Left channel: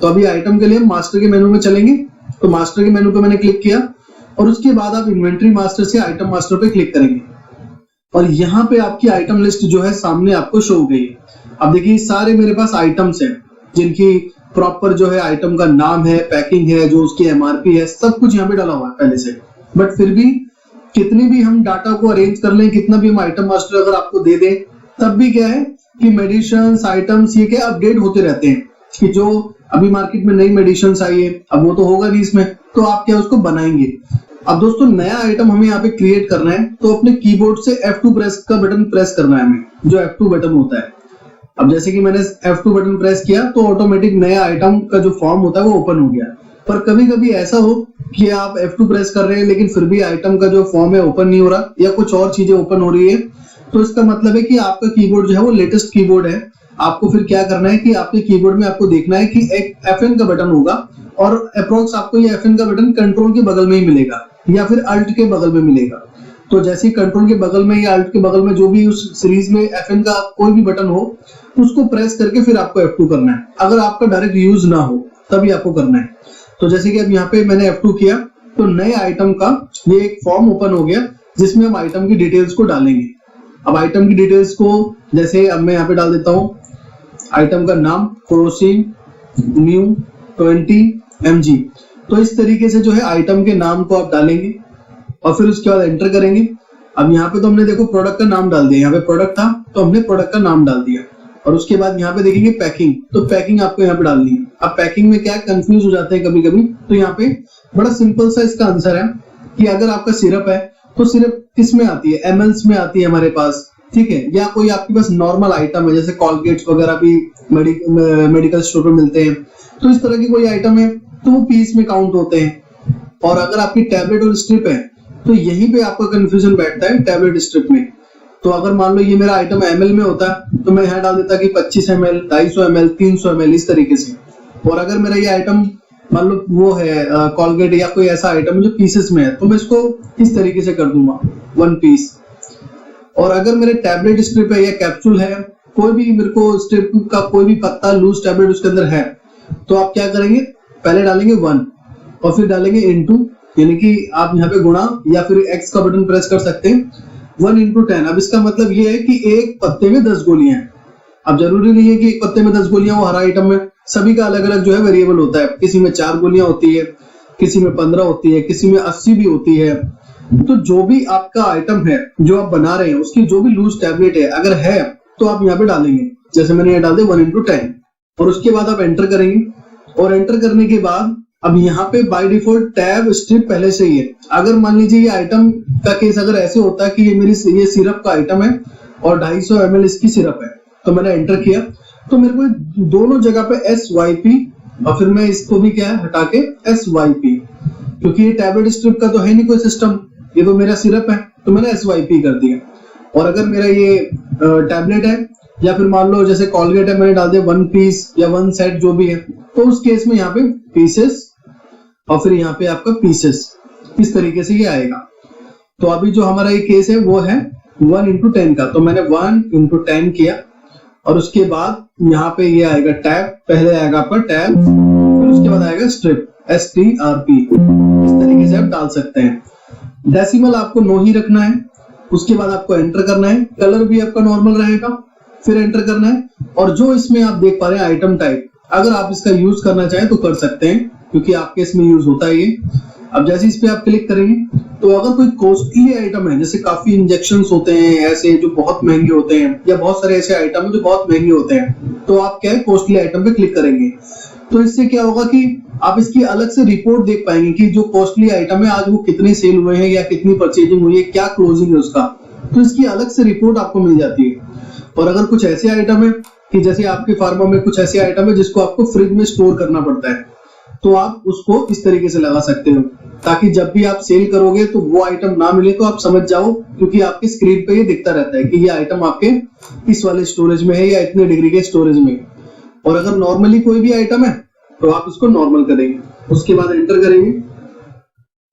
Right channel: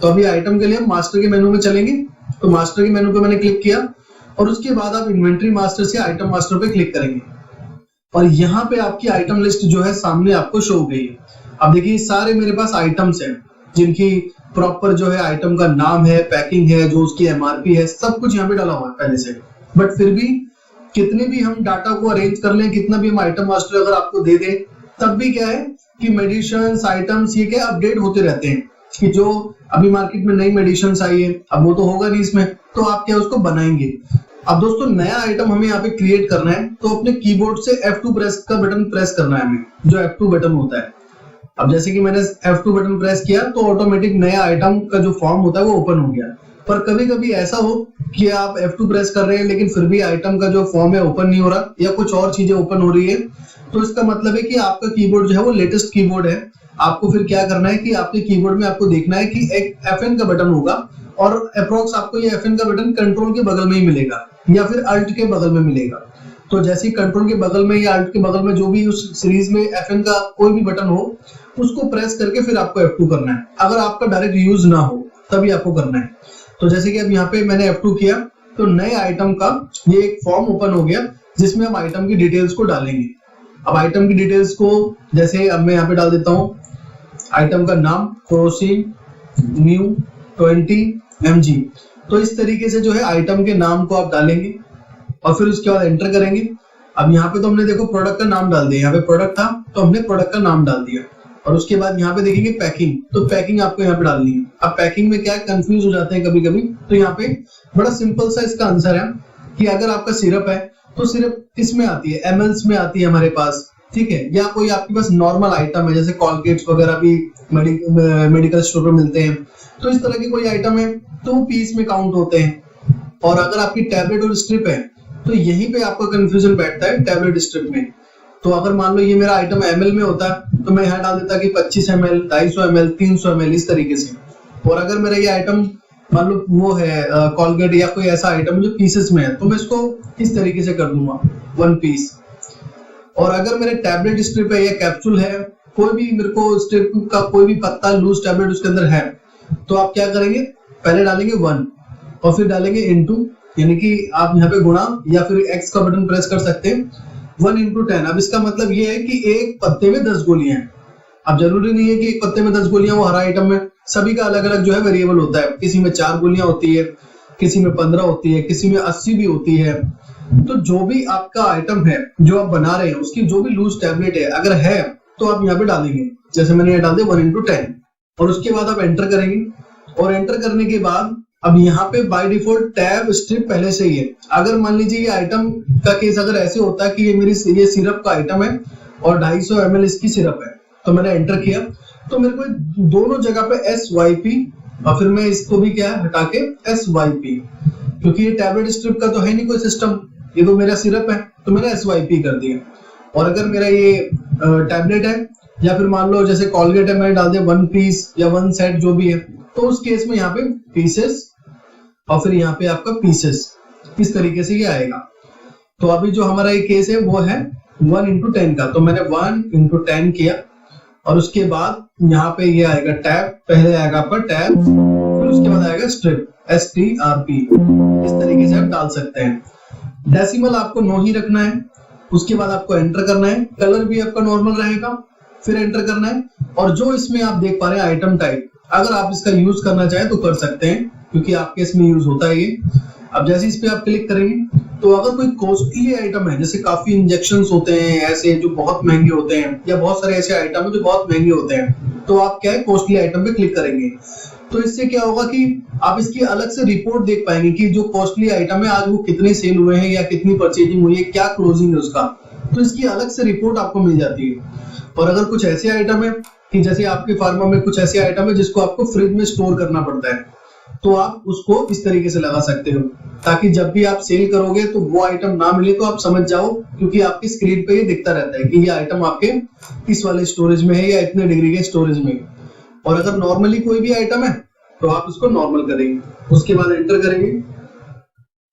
तो अभी आइटम के लिए हम मास्टर के मेनू में चलेंगे। तो मास्टर के मेनू पे मैंने क्लिक किया और उसके बाद आप इन्वेंट्री मास्टर से आइटम मास्टर पे क्लिक करेंगे और यहाँ पे आपकी आइटम लिस्ट जो है सामने आपको शो हो गई है। अब देखिए सारे मेरे पास आइटम्स हैं जिनकी प्रॉपर जो है आइटम का नाम है, पैकिंग है, जो उसकी एमआरपी है, सब कुछ यहाँ पे डाला हुआ है पहले से। बट फिर भी कितने भी हम डाटा को अरेंज कर लें, कितना भी हम आइटम मास्टर अगर आपको दे दें, तब भी क्या है कि मेडिसिन्स आइटम्स ये क्या अपडेट होते रहते हैं कि जो अभी मार्केट में नई मेडिसिन्स आई है, अब वो तो होगा नहीं इसमें, तो आप क्या उसको बनाएंगे। अब दोस्तों नया आइटम हमें यहाँ पे क्रिएट करना है तो अपने कीबोर्ड से F2 प्रेस का बटन प्रेस करना है हमें, जो F2 बटन होता है। अब जैसे कि मैंने F2 बटन प्रेस किया तो ऑटोमेटिक नया आइटम का जो फॉर्म होता है वो ओपन हो गया। पर कभी कभी ऐसा हो कि आप F2 प्रेस कर रहे हैं लेकिन फिर भी आइटम का जो फॉर्म है ओपन नहीं हो रहा या कुछ और चीजें ओपन हो रही है, तो इसका मतलब है कि आपका कीबोर्ड जो है वो लेटेस्ट कीबोर्ड है। आपको फिर क्या करना है कि आपके कीबोर्ड में आपको देखना है कि एक FN का बटन होगा और अप्रोक्स आपको ये FN का बटन कंट्रोल के बगल में ही मिलेगा या फिर अल्ट के बगल में मिलेगा। तो जैसे ही कंट्रोल के बगल में या अल्ट के बगल में जो भी उस सीरीज में FN का कोई भी बटन हो उसको प्रेस करके फिर आपको F2 करना है। अगर आपका डायरेक्ट यूज ना हो तभी आपको करना है। तो जैसे कि अब यहाँ पे मैंने F2 किया तो नए आइटम का ये एक फॉर्म ओपन हो गया जिसमें हम आइटम की डिटेल्स को डालेंगे। अब आइटम की डिटेल्स को जैसे अब मैं यहाँ पे डाल देता हूँ आइटम का नाम क्रोसिन न्यू 20 mg। तो इस तरीके से जो है आइटम के नाम को आप डालेंगे और फिर उसके बाद एंटर करेंगे। अब यहाँ पे तो हमने देखो प्रोडक्ट का नाम डाल दिया, यहाँ पे प्रोडक्ट था तो हमने प्रोडक्ट का नाम डाल दिया और उसके बाद यहाँ पे देखेंगे पैकिंग, तो पैकिंग आपको यहाँ पे डालनी है। अब पैकिंग में क्या कंफ्यूज हो जाते हैं कभी कभी, तो यहाँ पे बड़ा सिंपल सा इसका आंसर है कि अगर आपका सिरप है तो सिरप किस में आती है, mls में आती है हमारे पास, ठीक है, या कोई आपके पास नॉर्मल आइटम है जैसे कॉलगेट्स वगैरह भी मेडिकल स्टोर पर मिलते हैं, तो इस तरह की कोई आइटम है तो वो पीस में काउंट होते हैं। और अगर आपकी टैबलेट और स्ट्रिप है तो यहीं पे आपका कंफ्यूजन बैठता है टैबलेट स्ट्रिप में। तो अगर मान लो ये मेरा आइटम ml में होता तो मैं यहाँ डाल देता कि 25 ml, 250 ml, 300 ml इस तरीके से। और अगर मेरा ये आइटम मान लो वो है कॉलगेट या कोई ऐसा आइटम जो पीसेस में है तो मैं इसको इस तरीके से कर दूंगा 1 पीस। और अगर मेरे टैबलेट स्ट्रिप है या कैप्सूल है, कोई भी मेरे को स्ट्रिप का कोई भी पत्ता लूज टैबलेट उसके अंदर है, तो आप क्या करेंगे पहले डालेंगे 1 और फिर डालेंगे इनटू, यानी कि आप यहाँ पे गुणा या फिर x का बटन प्रेस कर सकते हैं 1 into 10। अब इसका मतलब ये है कि एक पत्ते में 10 गोलियां हैं। अब जरूरी नहीं है कि एक पत्ते में 10 गोलियां वो हर आइटम में, सभी का अलग अलग जो है वेरिएबल होता है। किसी में 4 गोलियां होती है, किसी में 15 होती है, किसी में 80 भी होती है। तो जो भी आपका आइटम है जो आप बना रहे हैं उसकी जो भी लूज टैबलेट है अगर है तो आप यहाँ पे डालेंगे, जैसे मैंने यहाँ डाल दिया 1 into 10 और उसके बाद आप एंटर करेंगे। और एंटर करने के बाद अब यहाँ पे बाय डिफॉल्ट टैब स्ट्रिप पहले से ही है। अगर मान लीजिए ये आइटम का केस अगर ऐसे होता है कि ये मेरी ये सिरप का आइटम है और 250 ml इसकी सिरप है, तो मैंने एंटर किया तो मेरे को दोनों जगह पे SYP और फिर मैं इसको भी क्या है हटा के SYP, क्योंकि ये टैबलेट स्ट्रिप का तो है नहीं कोई सिस्टम, ये तो मेरा सिरप है तो मैंने SYP कर दिया। और अगर मेरा ये टैबलेट है या फिर मान लो जैसे कॉलगेट है मैंने डाल दिया 1 पीस या 1 सेट जो भी है, तो उस केस में यहाँ पे पीसेस और फिर यहाँ पे आपका पीसेस इस तरीके से ये आएगा। तो अभी जो हमारा ये केस है वो है 1 into 10 का, तो मैंने 1 into 10 किया और उसके बाद यहाँ पे ये आएगा टैब, पहले आएगा आपका टैब फिर उसके बाद आएगा स्ट्रिप STRP। इस तरीके से आप डाल सकते हैं। डेसिमल आपको 9 ही रखना है, उसके बाद आपको एंटर करना है। कलर भी आपका नॉर्मल रहेगा, फिर एंटर करना है। और जो इसमें आप देख पा रहे हैं आइटम टाइप, अगर आप इसका यूज करना चाहें तो कर सकते हैं क्योंकि आपके इसमें यूज होता है ये। अब जैसे इस पे आप क्लिक करेंगे तो अगर कोई कॉस्टली आइटम है, जैसे काफी इंजेक्शंस होते हैं ऐसे जो बहुत महंगे होते हैं या बहुत सारे ऐसे आइटम है जो बहुत महंगे होते हैं, तो आप क्या है कॉस्टली आइटम पे क्लिक करेंगे। तो इससे क्या होगा कि आप इसकी अलग से रिपोर्ट देख पाएंगे कि जो कॉस्टली आइटम है आज वो कितने सेल हुए हैं या कितनी परचेजिंग हुई है, क्या क्लोजिंग है उसका, तो इसकी अलग से रिपोर्ट आपको मिल जाती है। और अगर कुछ ऐसे आइटम है कि जैसे आपके फार्मा में कुछ ऐसे आइटम है जिसको आपको फ्रिज में स्टोर करना पड़ता है, तो आप उसको इस तरीके से लगा सकते हो ताकि जब भी आप सेल करोगे तो वो आइटम ना मिले तो आप समझ जाओ, क्योंकि आपके स्क्रीन पे ये दिखता रहता है कि ये आइटम आपके इस वाले स्टोरेज में है या इतने डिग्री के स्टोरेज में। और अगर नॉर्मली कोई भी आइटम है तो आप इसको नॉर्मल करेंगे, उसके बाद एंटर करेंगे।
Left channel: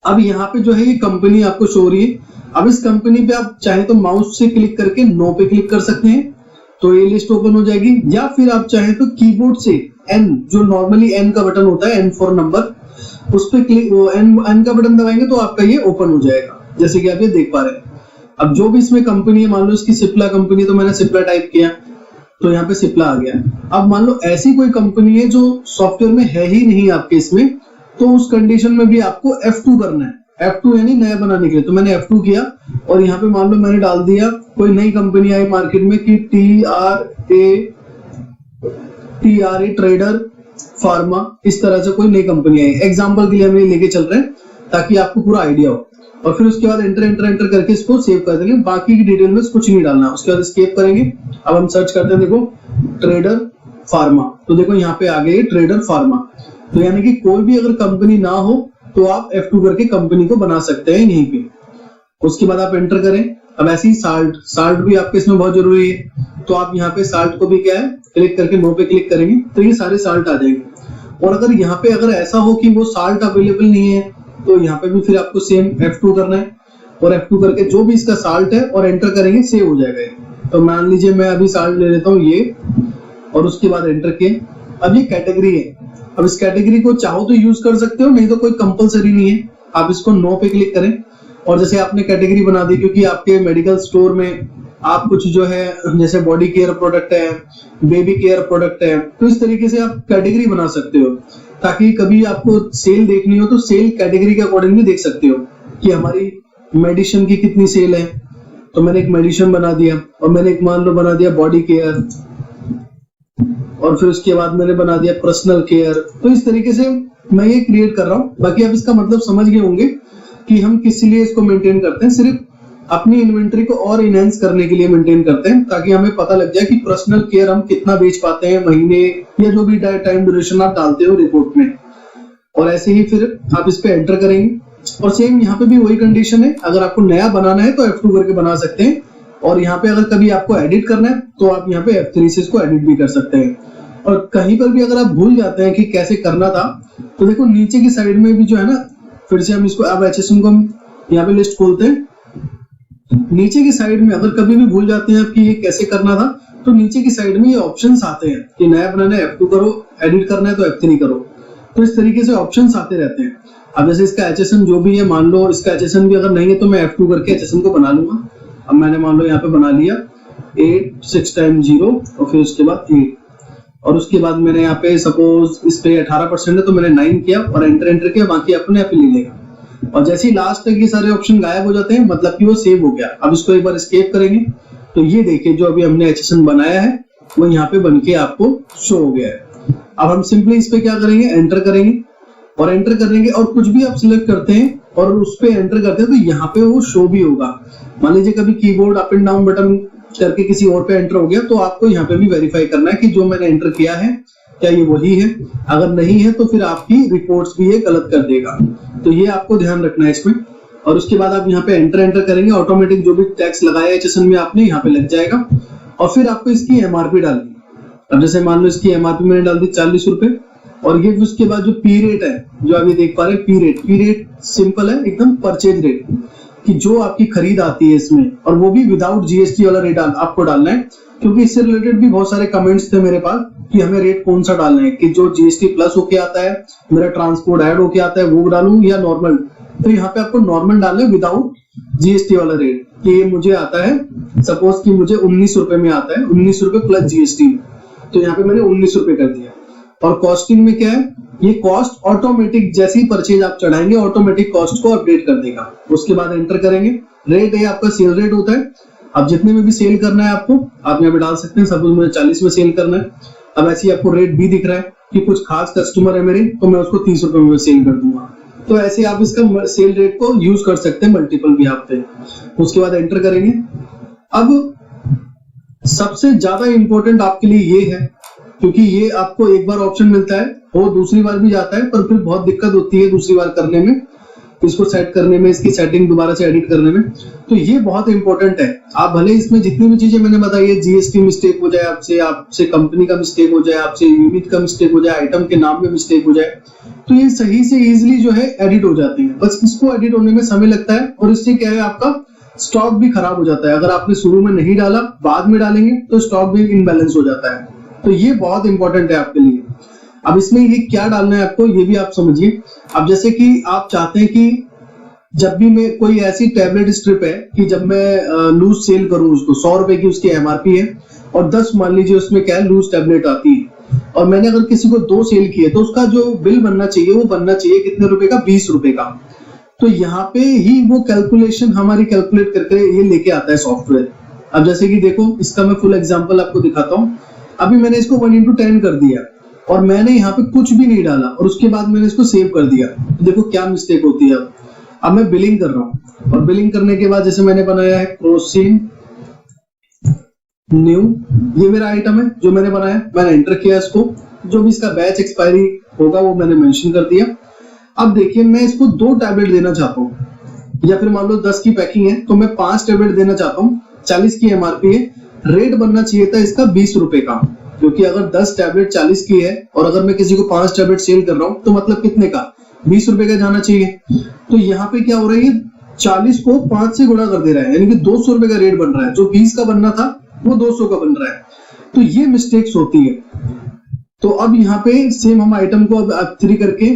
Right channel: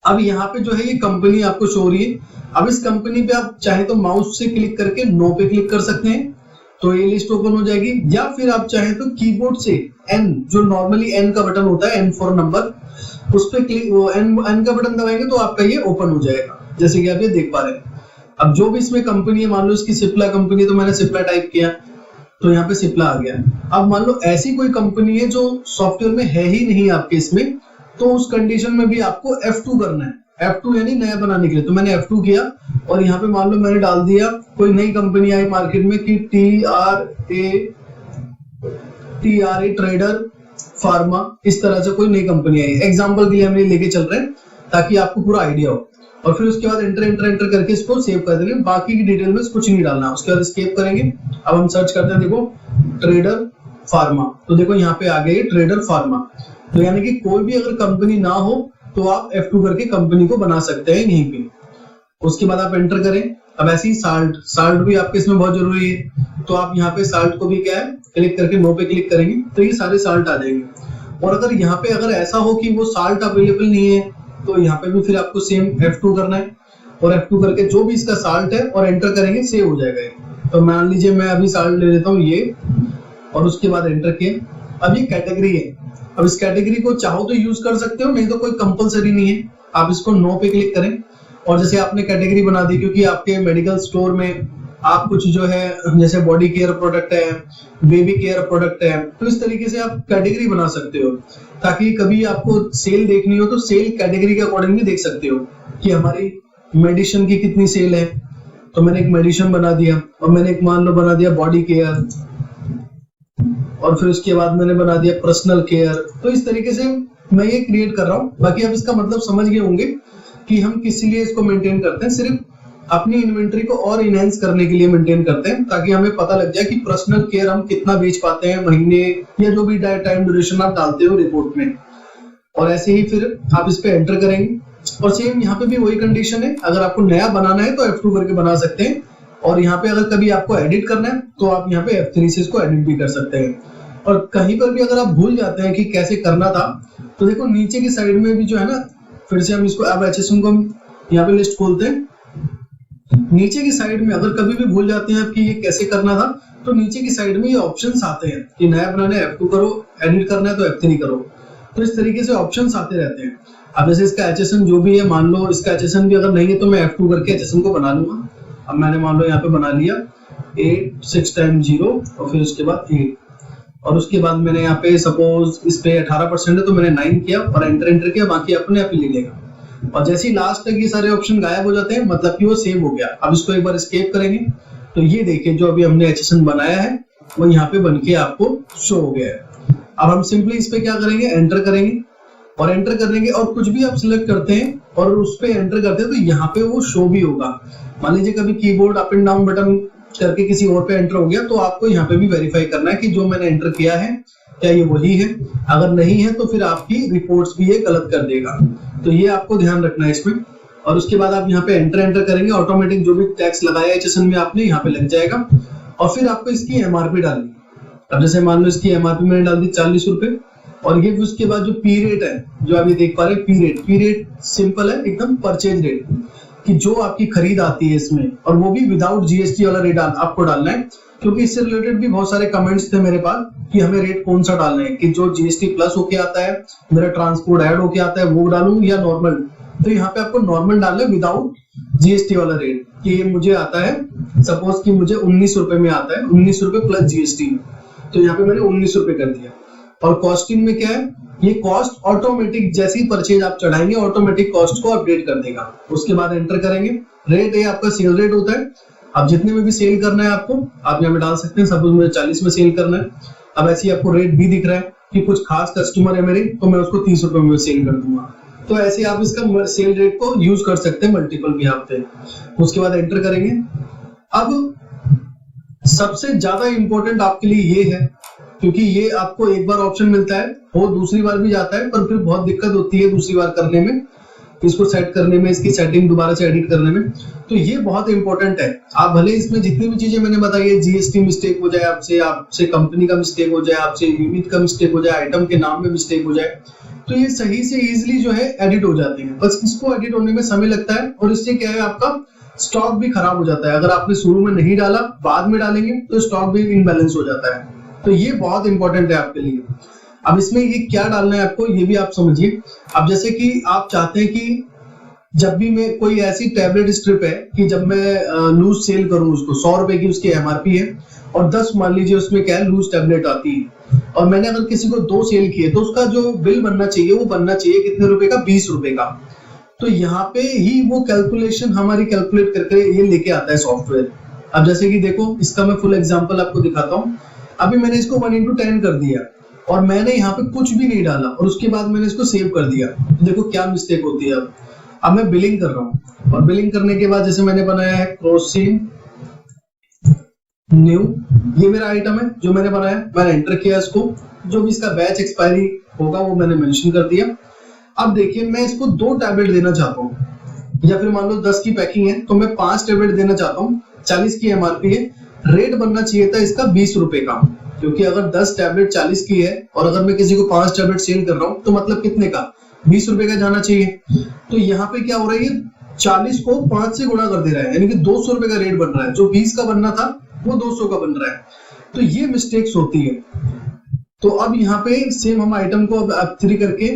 अब यहाँ पे जो है ये कंपनी आपको शो हो रही है। अब इस कंपनी पे आप चाहे तो माउस से क्लिक करके नो पे क्लिक कर सकते हैं तो ये लिस्ट ओपन हो जाएगी, या फिर आप चाहें तो कीबोर्ड से एन, जो नॉर्मली एन का बटन होता है, एन फॉर नंबर, उस पे क्लिक, एन का बटन दबाएंगे तो आपका ये ओपन हो जाएगा, जैसे कि आप ये देख पा रहे हैं। अब जो भी इसमें कंपनी है, मान लो इसकी सिप्ला कंपनी है, तो मैंने सिप्ला टाइप किया तो यहाँ पे सिप्ला आ गया। अब मान लो ऐसी कोई कंपनी है जो सॉफ्टवेयर में है ही नहीं आपके इसमें, तो उस कंडीशन में भी आपको F2 करना है, F2 यानी नया बनाने के लिए। तो मैंने F2 किया और यहाँ पे मान लो मैंने डाल दिया कोई नई कंपनी आई मार्केट में कि TRA ट्रेडर फार्मा, इस तरह से कोई नई कंपनी आई। एग्जाम्पल के लिए हम ये लेके चल रहे हैं ताकि आपको पूरा आइडिया हो। और फिर उसके बाद एंटर करके इसको सेव कर देंगे, बाकी की डिटेल में कुछ नहीं डालना। उसके बाद एस्केप करेंगे। अब हम सर्च करते हैं, देखो ट्रेडर फार्मा, तो देखो यहाँ पे आ गए ट्रेडर फार्मा। तो यानी कि कोई भी अगर कंपनी ना हो तो आप F2 करके कंपनी को बना सकते हैं यहीं पे। उसके बाद आप एंटर करें। अब ऐसे ही साल्ट भी आपके इसमें बहुत जरूरी है, तो आप यहाँ पे साल्ट को भी क्या है, क्लिक करके नो पे क्लिक करेंगे तो ये सारे साल्ट आ जाएंगे। और अगर यहाँ पे अगर ऐसा हो कि वो साल्ट अवेलेबल नहीं है, तो यहाँ पे भी फिर आपको सेम F2 करना है, और F2 करके जो भी इसका साल्ट है और एंटर करेंगे, सेव हो जाएगा ये। तो मान लीजिए मैं अभी साल्ट ले लेता हूँ ये, और उसके बाद एंटर किए। अब ये कैटेगरी है, अब इस कैटेगरी को चाहो तो यूज कर सकते हो, नहीं तो कोई कंपलसरी नहीं है। आप इसको नो पे क्लिक करें, और जैसे आपने कैटेगरी बना दी, क्योंकि आपके मेडिकल स्टोर में आप कुछ जो है जैसे बॉडी केयर प्रोडक्ट है, बेबी केयर प्रोडक्ट है, तो इस तरीके से आप कैटेगरी बना सकते हो, ताकि कभी आपको सेल देखनी हो तो सेल कैटेगरी के अकॉर्डिंग भी देख सकते हो कि हमारी मेडिसिन की कितनी सेल है। तो मैंने एक मेडिसिन बना दिया, और मैंने एक मान लो बना दिया बॉडी केयर, और फिर उसके बाद मैंने बना दिया पर्सनल केयर। तो इस तरीके से मैं ये क्रिएट कर रहा हूँ। बाकी आप इसका मतलब समझ गए होंगे कि हम किस लिए इसको मेंटेन करते हैं। सिर्फ अपनी इन्वेंटरी को और इनहेंस करने के लिए मेंटेन करते हैं, ताकि हमें पता लग जाए कि पर्सनल केयर हम कितना बेच पाते हैं महीने, या जो भी टाइम ड्यूरेशन आप डालते हो रिपोर्ट में। और ऐसे ही फिर आप इस पे एंटर करेंगे, और सेम यहाँ पे भी वही कंडीशन है। अगर आपको नया बनाना है तो F2 करके बना सकते हैं, और यहाँ पे अगर कभी आपको एडिट करना है तो आप यहाँ पे F3 से इसको एडिट भी कर सकते हैं। और कहीं पर भी अगर आप भूल जाते हैं कि कैसे करना था, तो देखो नीचे की साइड में भी जो है ना, फिर से हम इसको, अब HSN को हम यहाँ पे लिस्ट खोलते हैं। नीचे की साइड में अगर कभी भी भूल जाते हैं कि ये कैसे करना था, तो नीचे की साइड में ये ऑप्शंस आते हैं कि नया बनाना है F2 करो, एडिट करना है तो F3 करो। तो इस तरीके से ऑप्शंस आते रहते हैं। अब जैसे इसका HSN जो भी है, मान लो इसका HSN भी अगर नहीं है तो मैं F2 करके HSN को बना लूंगा। अब मैंने मान लो यहाँ पे बना लिया 8 6 टाइम 0, और फिर उसके बाद 8, और उसके बाद मैंने यहाँ पे सपोज इस पे 18% है तो मैंने 9 किया और एंटर किया, बाकी अपने आप ही ले लेगा। और जैसे ही लास्ट तक ये सारे ऑप्शन गायब हो जाते हैं, मतलब कि वो सेव हो गया। अब इसको एक बार एस्केप करेंगे तो ये देखिए जो अभी हमने HSN बनाया है वो यहाँ पे बन के आपको शो हो गया है। अब हम सिंपली इस पे क्या करेंगे, एंटर करेंगे, और एंटर करेंगे और कुछ भी आप सिलेक्ट करते हैं और उस पे एंटर करते हैं तो यहाँ पे वो शो भी होगा। मान लीजिए कभी keyboard up and down button करके किसी और पे एंटर हो गया, तो आपको यहाँ पे भी वेरीफाई करना है कि जो मैंने एंटर किया है क्या ये वही है। अगर नहीं है तो फिर आपकी रिपोर्ट्स भी ये गलत कर देगा। तो ये आपको ध्यान रखना है इसमें। और उसके बाद आप यहाँ पे एंटर करेंगे, ऑटोमेटिक जो भी टैक्स लगाया है HSN में आपने यहाँ पे लग जाएगा। और फिर आपको इसकी MRP डालनी है। अब जैसे मान लो इसकी MRP मैंने डाल दी 40 रुपए, और ये उसके बाद जो पी रेट है जो आप ये देख पा रहे हैं, पी रेट सिंपल है एकदम, परचेज रेट कि जो आपकी खरीद आती है इसमें, और वो भी विदाउट GST वाला रेट आपको डालना है। क्योंकि इससे रिलेटेड भी बहुत सारे कमेंट्स थे मेरे पास कि हमें रेट कौन सा डालना है, कि जो GST प्लस होके आता है, मेरा ट्रांसपोर्ट ऐड होके आता है वो डालूं या नॉर्मल। तो यहाँ पे आपको नॉर्मल डालना है विदाउट GST वाला रेट, कि ये मुझे आता है सपोज कि मुझे 19 रुपए में आता है, 19 रुपए प्लस GST में, तो यहाँ पे मैंने 19 रुपए कर दिया। और कॉस्टिंग में क्या है, ये कॉस्ट ऑटोमेटिक जैसे ही परचेज आप चढ़ाएंगे ऑटोमेटिक कॉस्ट को अपडेट कर देगा। उसके बाद एंटर करेंगे। रेट ये आपका सेल रेट होता है। अब जितने में भी सेल करना है आपको, आप यहाँ पे डाल सकते हैं। सपोज मुझे 40 में सेल करना है। अब ऐसे ही आपको रेट भी दिख रहा है कि कुछ खास कस्टमर है मेरे, तो मैं उसको 30 रुपए में सेल कर दूंगा। तो ऐसे आप इसका सेल रेट को यूज कर सकते हैं मल्टीपल भी आप पे। उसके बाद एंटर करेंगे। अब सबसे ज्यादा इंपॉर्टेंट आपके लिए ये है, क्योंकि ये आपको एक बार ऑप्शन मिलता है, वो दूसरी बार भी जाता है, पर फिर बहुत दिक्कत होती है दूसरी बार करने में, इसको सेट करने में, इसकी सेटिंग दोबारा से एडिट करने में। तो ये बहुत इंपॉर्टेंट है। आप भले इसमें जितनी भी चीजें मैंने बताई है, GST मिस्टेक हो जाए आपसे कंपनी का मिस्टेक हो जाए, आपसे यूनिट का मिस्टेक हो जाए, आइटम के नाम में मिस्टेक हो जाए, तो ये सही से इजिली जो है एडिट हो जाते हैं। बस इसको एडिट होने में समय लगता है, और इससे क्या है आपका स्टॉक भी खराब हो जाता है। अगर आपने शुरू में नहीं डाला, बाद में डालेंगे तो स्टॉक भी इनबैलेंस हो जाता है। तो ये बहुत इंपॉर्टेंट है आपके लिए। अब इसमें ये क्या डालना है आपको, ये भी आप समझिए। अब जैसे कि आप चाहते हैं कि जब भी मैं कोई ऐसी टैबलेट स्ट्रिप है कि जब मैं लूज सेल करूं उसको, 100 रुपए की उसकी एमआरपी है और 10 मान लीजिए उसमें क्या है लूज टैबलेट आती है, और मैंने अगर किसी को 2 सेल किए तो उसका जो बिल बनना चाहिए वो बनना चाहिए कितने रुपए का, 20 रुपए का। तो यहाँ पे ही वो कैलकुलेशन हमारी कैलकुलेट करके ये लेके आता है सॉफ्टवेयर। अब जैसे कि देखो, इसका मैं फुल एग्जांपल आपको दिखाता हूँ। अभी मैंने इसको 1:10 कर दिया और मैंने यहाँ पे कुछ भी नहीं डाला और उसके बाद मैंने इसको सेव कर दिया। तो देखो क्या मिस्टेक होती है। अब मैं बिलिंग कर रहा हूँ और बिलिंग करने के बाद जैसे मैंने बनाया है क्रोसिन न्यू, ये मेरा आइटम है जो मैंने बनाया, मैंने एंटर किया इसको, जो भी इसका बैच एक्सपायरी होगा वो मैंने मेंशन कर दिया। अब देखिए मैं इसको 2 टैबलेट देना चाहता हूँ, या फिर मान लो 10 की पैकिंग है तो मैं 5 टैबलेट देना चाहता हूँ, 40 की एमआरपी है, रेट बनना चाहिए था इसका 20 रुपए का, क्योंकि अगर 10 टैबलेट 40 की है और अगर मैं किसी को 5 टैबलेट सेल कर रहा हूँ तो मतलब कितने का, 20 रुपए का जाना चाहिए। तो यहाँ पे क्या हो रहा है, 40 को 5 से गुणा कर दे रहा है, यानी कि 200 रुपए का रेट बन रहा है, जो 20 का बनना था वो 200 का बन रहा है। तो ये मिस्टेक्स होती है। तो अब यहाँ पे सेम हम आइटम को अब F3 करके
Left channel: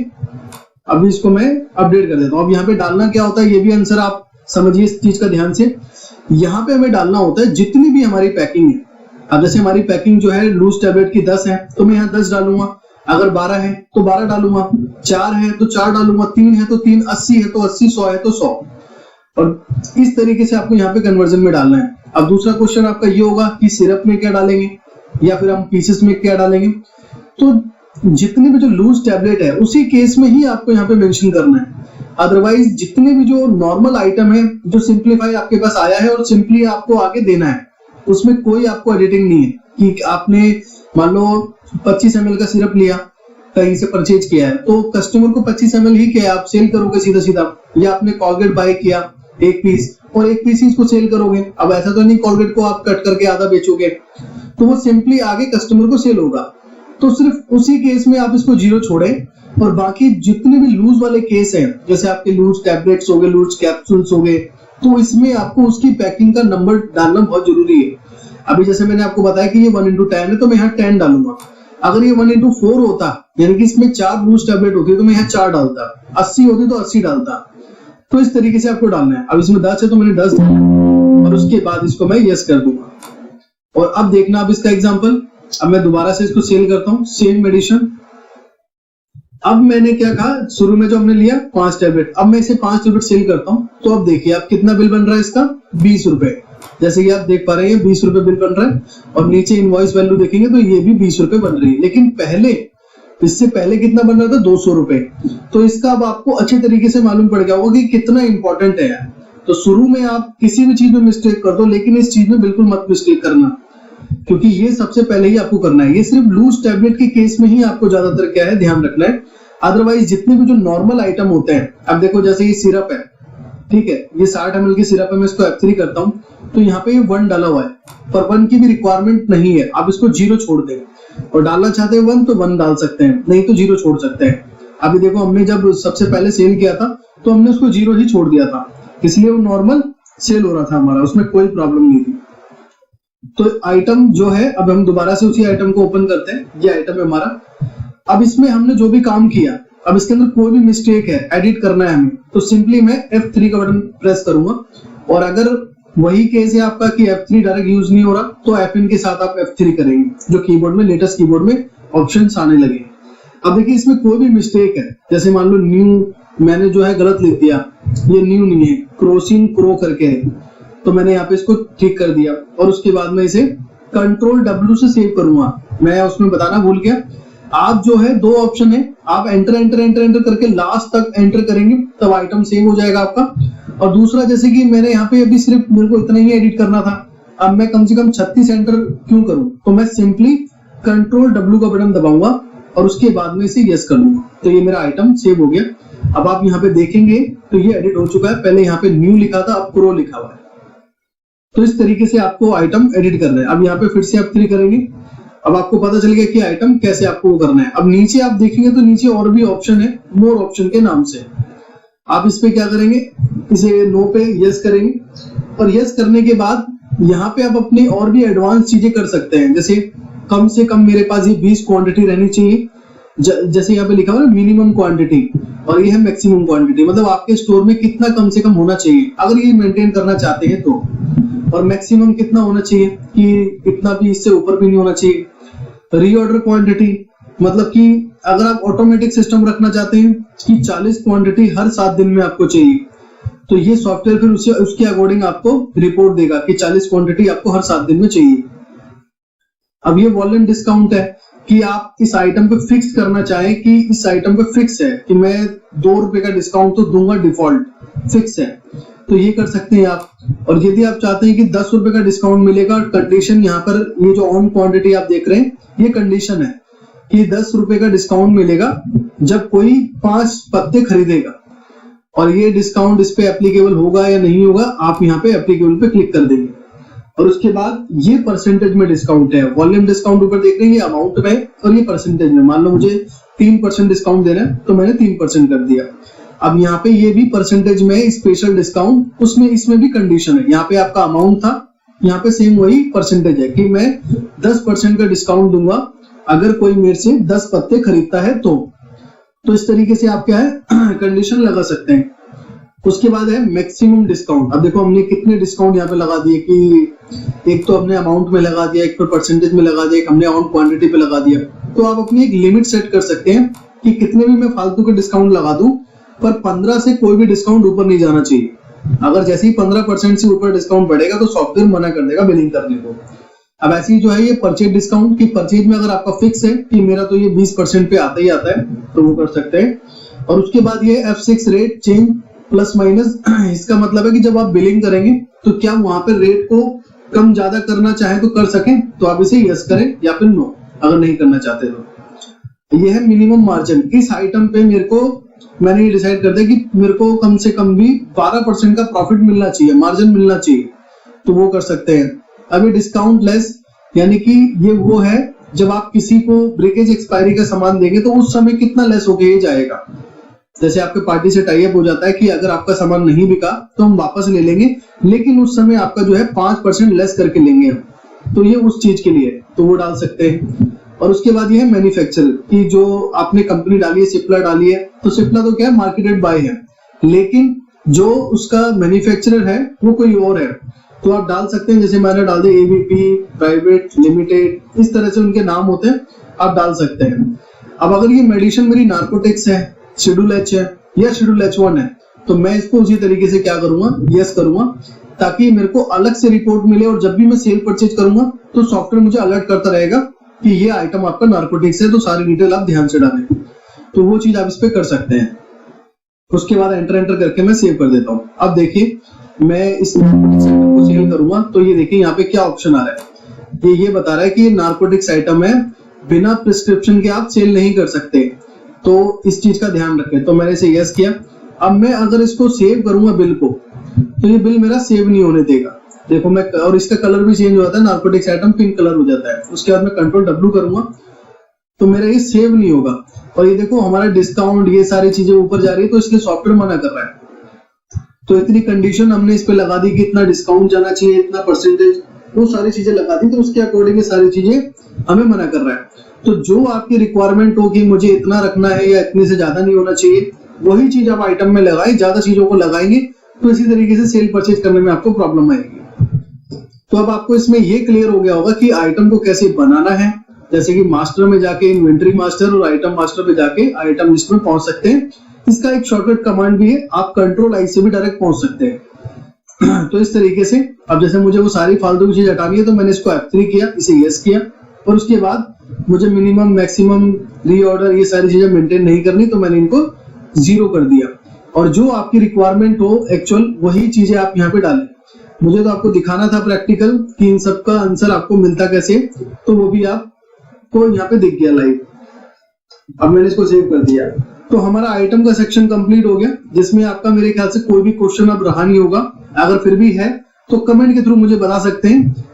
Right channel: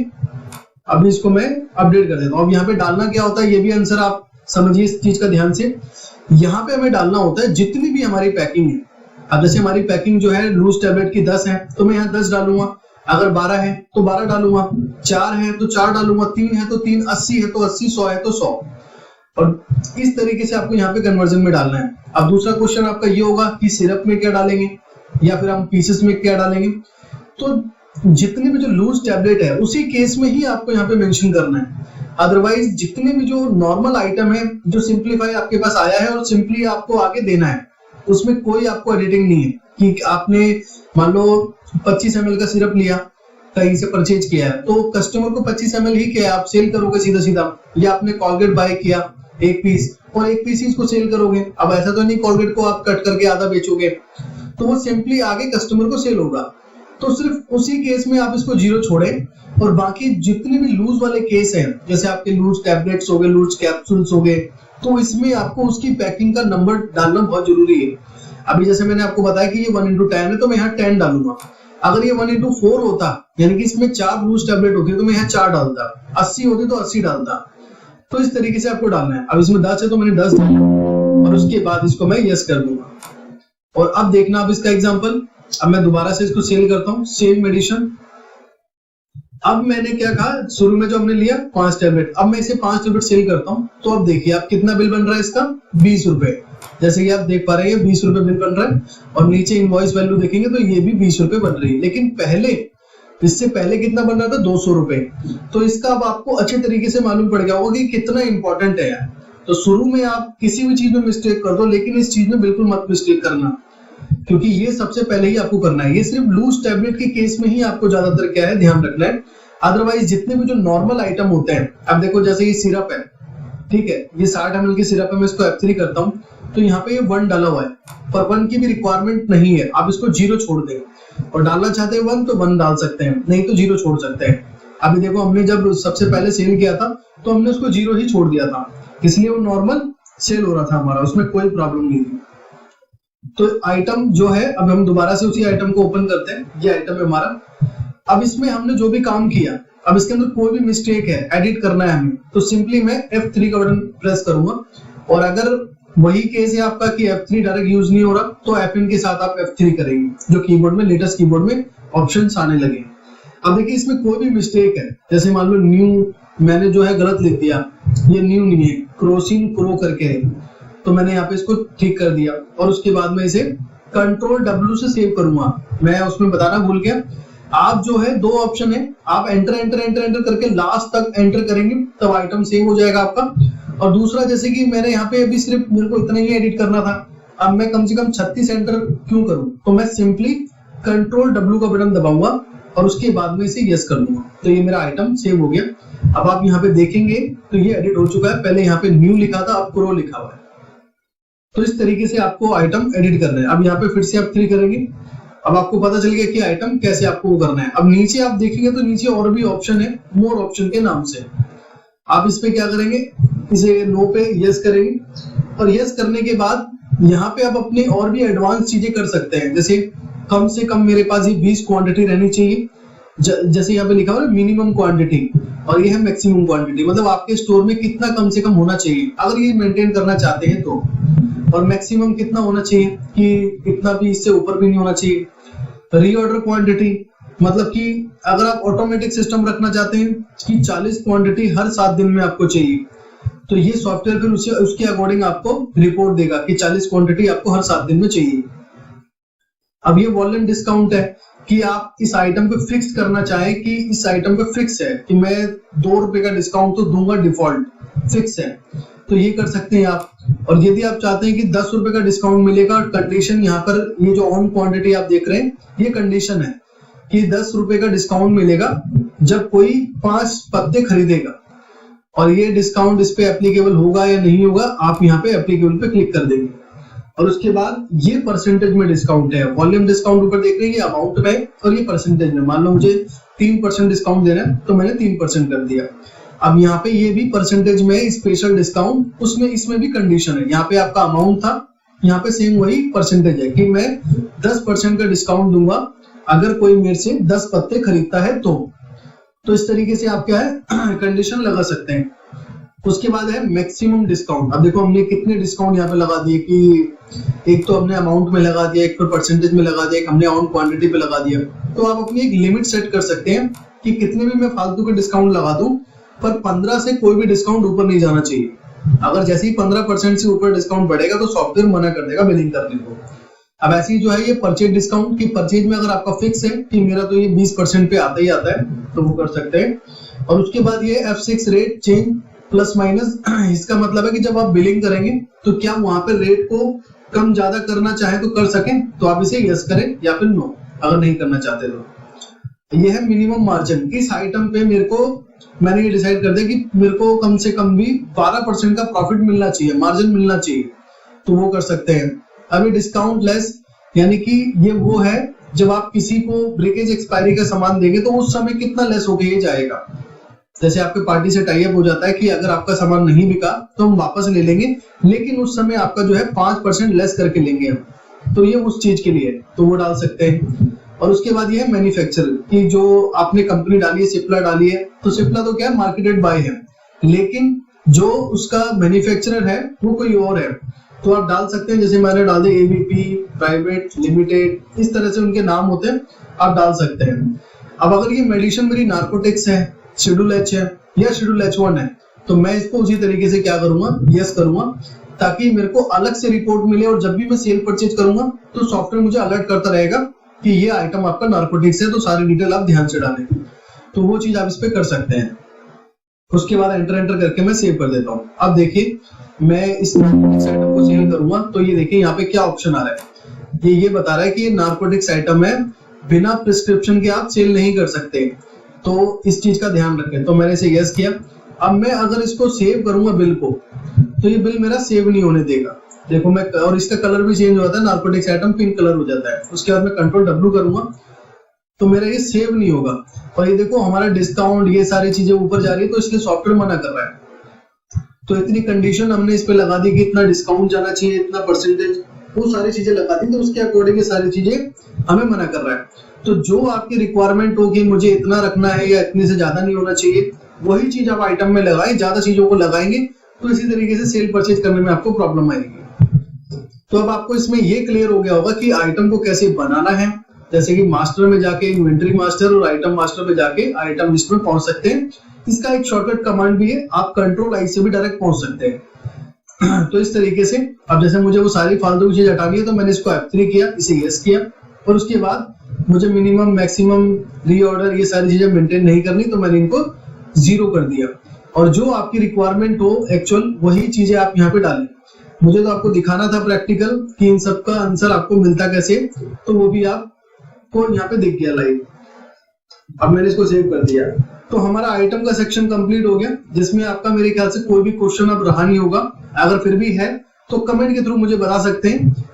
अभी इसको मैं अपडेट कर देता हूँ। अब यहाँ पे डालना क्या होता है, ये भी आंसर आप समझिए इस चीज का ध्यान से। यहाँ पे हमें डालना होता है जितनी भी हमारी पैकिंग है। अब जैसे हमारी पैकिंग जो है लूज टैबलेट की 10 है तो मैं यहाँ 10 डालूंगा, अगर 12 है तो 12 डालूंगा, 4 है तो 4 डालूंगा, 3 है तो 3, 80 है तो 80, 100 है तो 100, और इस तरीके से आपको यहाँ पे कन्वर्जन में डालना है। अब दूसरा क्वेश्चन आपका ये होगा कि सिरप में क्या डालेंगे या फिर हम पीसेस में क्या डालेंगे। तो जितने भी जो लूज टैबलेट है उसी केस में ही आपको यहाँ पे मेंशन करना है। अदरवाइज जितने भी जो नॉर्मल आइटम है जो सिंप्लीफाई आपके पास आया है और सिंपली आपको आगे देना है, उसमें कोई आपको एडिटिंग नहीं है कि आपने मान लो 25 ml का सिरप लिया कहीं से परचेज किया है तो कस्टमर को 25 ml ही क्या है आप सेल करोगे सीधा सीधा, या आपने कॉलगेट बाय किया 1 पीस और 1 पीस ही इसको सेल करोगे। अब ऐसा तो नहीं कॉलगेट को आप कट करके आधा बेचोगे, तो वो सिंपली आगे कस्टमर को सेल होगा। तो सिर्फ उसी केस में आप इसको 0 छोड़े और बाकी जितने भी लूज वाले केस हैं, जैसे आपके लूज टैबलेट्स हो गए, लूज कैप्सूल्स हो गए, तो इसमें आपको उसकी पैकिंग का नंबर डालना बहुत जरूरी है। अभी जैसे मैंने आपको बताया कि ये 1:10 है तो मैं यहाँ 10 डालूंगा। अगर ये 1:4 होता, यानी कि इसमें 4 लूज टैबलेट होती तो मैं यहाँ 4 डालता, 80 होती तो 80 डालता। तो इस तरीके से आपको डालना है। अब इसमें 10 है तो मैंने 10 डाला और उसके बाद इसको मैं यस कर दूंगा। और अब देखना अब इसका एग्जाम्पल, अब मैं दोबारा से इसको सेल करता हूँ, सेम मेडिसिन। अब मैंने क्या कहा, शुरू में जो हमने लिया 5 टैबलेट, अब मैं इसे 5 टैबलेट सेल करता हूँ। तो अब देखिए अब कितना बिल बन रहा है इसका, 20 रुपए। जैसे कि आप देख पा रहे हैं 20 रुपए बिल बन रहा है और नीचे इनवॉइस वैल्यू देखेंगे तो ये भी 20 रुपए बन रही है। लेकिन पहले, इससे पहले कितना बन रहा था, 200 रुपए। तो इसका अब आपको अच्छे तरीके से मालूम पड़ गया होगा कि कितना इंपॉर्टेंट है यार। तो शुरू में आप किसी भी चीज में मिस्टेक कर दो, लेकिन इस चीज में बिल्कुल मत मिस्टेक करना, क्योंकि ये सबसे पहले ही आपको करना है। ये सिर्फ लूज टैबलेट के केस में ही आपको ज्यादातर क्या है ध्यान रखना है। अदरवाइज जितने भी जो नॉर्मल आइटम होते हैं, अब देखो जैसे ये सिरप है, ठीक है, ये 60 ml की सिरप है, मैं इसको F3 करता हूँ तो यहाँ पे ये 1 डाला हुआ है, पर 1 की भी रिक्वायरमेंट नहीं है, आप इसको 0 छोड़ दें। और डालना चाहते हैं 1 तो 1 डाल सकते हैं, नहीं तो 0 छोड़ सकते हैं। अभी देखो हमने जब सबसे पहले सेल किया था तो हमने उसको 0 ही छोड़ दिया था, इसलिए वो नॉर्मल सेल हो रहा था हमारा, उसमें कोई प्रॉब्लम नहीं थी। तो आइटम जो है, अब हम दोबारा से उसी आइटम को ओपन करते हैं, ये आइटम है हमारा। अब इसमें हमने जो भी काम किया, अब इसके अंदर कोई भी मिस्टेक है, एडिट करना है हमें, तो सिंपली मैं F3 का बटन प्रेस करूंगा। और अगर वही केस है आपका कि F3 डायरेक्ट यूज नहीं हो रहा तो FN के साथ आप F3 करेंगे, जो कीबोर्ड में, लेटेस्ट कीबोर्ड में ऑप्शंस आने लगे। अब देखिए इसमें कोई भी मिस्टेक है, जैसे मान लो न्यू मैंने जो है गलत लिख दिया, ये न्यू नहीं है, क्रोसिन क्रो करके है, तो मैंने यहाँ पे इसको ठीक कर दिया और उसके बाद में इसे Ctrl W से सेव करूंगा। मैं उसमें बताना भूल गया, आप जो है 2 ऑप्शन है, आप एंटर एंटर एंटर एंटर करके लास्ट तक एंटर करेंगे तब आइटम सेव हो जाएगा आपका। और दूसरा, जैसे कि मैंने यहाँ पे अभी सिर्फ मेरे को इतना ही एडिट करना था, अब मैं कम से कम 36 एंटर क्यों करूं, तो मैं सिंपली Ctrl W का बटन दबाऊंगा और उसके बाद में इसे यस कर दूंगा, तो ये मेरा आइटम सेव हो गया। अब आप यहाँ पे देखेंगे तो ये एडिट हो चुका है, पहले यहाँ पे न्यू लिखा था, अब क्रो लिखा हुआ है। तो इस तरीके से आपको आइटम एडिट करना है। अब यहाँ पे फिर से आप 3 करेंगे, अब आपको पता चल गया कि आइटम कैसे आपको वो करना है। अब नीचे आप देखेंगे तो नीचे और भी ऑप्शन है, मोर ऑप्शन के नाम से। आप इस पे क्या करेंगे, इसे नो पे यस करेंगे और यस करने के बाद यहाँ पे आप अपनी और भी एडवांस चीजें कर सकते हैं। जैसे कम से कम मेरे पास ये 20 क्वांटिटी रहनी चाहिए, जैसे यहाँ पे लिखा हुआ है मिनिमम क्वांटिटी और ये है मैक्सिमम क्वांटिटी, मतलब आपके स्टोर में कितना कम से कम होना चाहिए अगर ये मेंटेन करना चाहते हैं तो, और मैक्सिमम कितना होना चाहिए कि इतना भी इससे ऊपर भी नहीं होना चाहिए। रीऑर्डर क्वांटिटी मतलब कि अगर आप ऑटोमेटिक सिस्टम रखना चाहते हैं कि 40 क्वांटिटी हर 7 दिन में आपको चाहिए, तो ये सॉफ्टवेयर फिर उसके अकॉर्डिंग आपको रिपोर्ट देगा कि 40 क्वांटिटी आपको हर 7 दिन में चाहिए। अब ये वॉल्यूम डिस्काउंट है कि आप इस आइटम पे फिक्स करना चाहें कि इस आइटम पे फिक्स है कि मैं 2 रुपए का डिस्काउंट तो दूंगा, डिफॉल्ट फिक्स है, तो ये कर सकते हैं आप। और यदि आप चाहते हैं कि 10 रुपए का डिस्काउंट मिलेगा, कंडीशन यहाँ पर ये जो ऑन क्वांटिटी आप देख रहे हैं ये कंडीशन है कि 10 रुपए का डिस्काउंट मिलेगा जब कोई 5 पत्ते खरीदेगा, और ये डिस्काउंट इस पे एप्लीकेबल होगा या नहीं होगा आप यहाँ पे एप्लीकेबल पे क्लिक कर देंगे। और उसके बाद ये परसेंटेज में डिस्काउंट है, वॉल्यूम डिस्काउंट ऊपर देख रहे हैं ये अमाउंट में और ये परसेंटेज में। मान लो मुझे 3% डिस्काउंट देना है तो मैंने 3% कर दिया। अब यहाँ पे ये भी परसेंटेज में स्पेशल डिस्काउंट, उसमें इसमें भी कंडीशन है। यहाँ पे आपका अमाउंट था, यहाँ पे सेम वही परसेंटेज है कि मैं 10% का डिस्काउंट दूंगा अगर कोई मेरे से 10 पत्ते खरीदता है तो इस तरीके से आप क्या है कंडीशन लगा सकते हैं। उसके बाद है मैक्सिमम डिस्काउंट। अब देखो हमने कितने डिस्काउंट यहाँ पे लगा दिए कि एक तो हमने अमाउंट में लगा दिया, एक फिर परसेंटेज में लगा दिया, एक हमने ऑन क्वांटिटी पे लगा दिया। तो आप अपनी एक लिमिट सेट कर सकते हैं कि कितने भी मैं फालतू के डिस्काउंट लगा दूं, पर 15 से कोई भी डिस्काउंट ऊपर नहीं जाना चाहिए। अगर जैसे ही 15% से ऊपर डिस्काउंट बढ़ेगा तो सॉफ्टवेयर मना कर देगा बिलिंग करने को। अब ऐसे ही जो है ये परचेज डिस्काउंट की परचेज में अगर आपका फिक्स है कि मेरा तो ये 20% पे आता ही आता है तो वो कर सकते हैं। और उसके बाद ये F6 rate change plus minus, इसका मतलब है कि जब आप बिलिंग करेंगे तो क्या वहां पर रेट को कम ज्यादा करना चाहे तो कर सकें, तो आप इसे यस करें या फिर नो अगर नहीं करना चाहते तो। ये है मिनिमम मार्जिन। इस आइटम पे मैंने ये डिसाइड कर दिया कि मेरे को कम से कम भी 12% का प्रॉफिट मिलना चाहिए, मार्जिन मिलना चाहिए, तो वो कर सकते हैं। अभी डिस्काउंट लेस यानी कि ये वो है जब आप किसी को ब्रेकेज एक्सपायरी का सामान देंगे तो उस समय कितना लेस होके ये जाएगा। जैसे आपके पार्टी से टाई अप हो जाता है कि अगर आपका सामान नहीं बिका तो हम वापस ले लेंगे, लेकिन उस समय आपका जो है 5% लेस करके लेंगे हम, तो ये उस चीज के लिए तो वो डाल सकते हैं। और उसके बाद ये है मैन्युफैक्चरर की जो आपने कंपनी डाली है, सिप्ला डाली है, तो सिप्ला तो क्या है मार्केटेड बाय है, लेकिन जो उसका मैन्युफैक्चरर है वो कोई और है, तो आप डाल सकते हैं। जैसे मैंने डाल दिया एबीपी प्राइवेट लिमिटेड, इस तरह से उनके नाम होते हैं, आप डाल सकते हैं। अब अगर ये मेडिसिन मेरी नार्कोटिक्स है, शेड्यूल एच है या शेड्यूल H1 है, तो मैं इसको उसी तरीके से क्या करूंगा, यस करूंगा, ताकि मेरे को अलग से रिपोर्ट मिले और जब भी मैं सेल परचेज करूंगा तो सॉफ्टवेयर मुझे अलर्ट करता रहेगा कि ये आइटम आपका नार्कोटिक्स है, तो सारी डिटेल आप ध्यान से डालें। तो वो चीज आप इस पे कर सकते हैं। उसके बाद एंटर करके मैं सेव कर देता हूँ। अब देखिए मैं इस नार्कोटिक्स आइटम को सेल करूंगा तो ये देखिए यहाँ पे क्या ऑप्शन आ रहा है, ये बता रहा है कि ये नार्कोटिक्स आइटम है, बिना प्रिस्क्रिप्शन के आप सेल नहीं कर सकते, तो इस चीज का ध्यान रखें। तो मैंने इसे यस किया। अब मैं अगर इसको सेव करूंगा बिल को, तो ये बिल मेरा सेव नहीं होने देगा। देखो मैं, और इसका कलर भी चेंज हो जाता है, नार्कोटिक्स आइटम पिंक कलर हो जाता है। उसके बाद मैं कंट्रोल W करूंगा तो मेरा ये सेव नहीं होगा। और ये देखो हमारा डिस्काउंट ये सारी चीजें ऊपर जा रही है, तो इसलिए सॉफ्टवेयर मना कर रहा है। तो इतनी कंडीशन हमने इस पे लगा दी कि इतना डिस्काउंट जाना चाहिए, इतना परसेंटेज, वो सारी चीजें लगा दी, तो उसके अकॉर्डिंग ये सारी चीजें हमें मना कर रहा है। तो जो आपकी रिक्वायरमेंट हो कि मुझे इतना रखना है या इतने से ज्यादा नहीं होना चाहिए, वही चीज आप आइटम में लगाए। ज्यादा चीजों को लगाएंगे तो इसी तरीके से सेल परचेज करने में आपको प्रॉब्लम आएगी। तो अब आपको इसमें ये क्लियर हो गया होगा कि आइटम को कैसे बनाना है। जैसे कि मास्टर में जाके इन्वेंटरी मास्टर और आइटम मास्टर पे जाके आइटम लिस्ट में पहुंच सकते हैं। इसका एक शॉर्टकट कमांड भी है, आप कंट्रोल आई से भी डायरेक्ट पहुंच सकते हैं। तो इस तरीके से अब जैसे मुझे वो सारी फालतू की चीज हटानी है तो मैंने इसको F3 किया, इसे यस किया, और उसके बाद मुझे मिनिमम मैक्सिमम रीऑर्डर ये सारी चीजें मेंटेन नहीं करनी, तो मैंने इनको 0 कर दिया। और जो आपकी रिक्वायरमेंट हो एक्चुअल वही चीजें आप यहाँ पे डालें। मुझे तो आपको दिखाना था प्रैक्टिकल कि इन सब का आंसर आपको मिलता कैसे, तो वो भी आपको यहाँ पे दिख गया लाइव। अब मैंने इसको सेव कर दिया। तो हमारा आइटम का सेक्शन कंप्लीट हो गया, जिसमें आपका मेरे ख्याल से कोई भी क्वेश्चन अब रहा नहीं होगा। अगर फिर भी है तो कमेंट के थ्रू मुझे बता सकते हैं।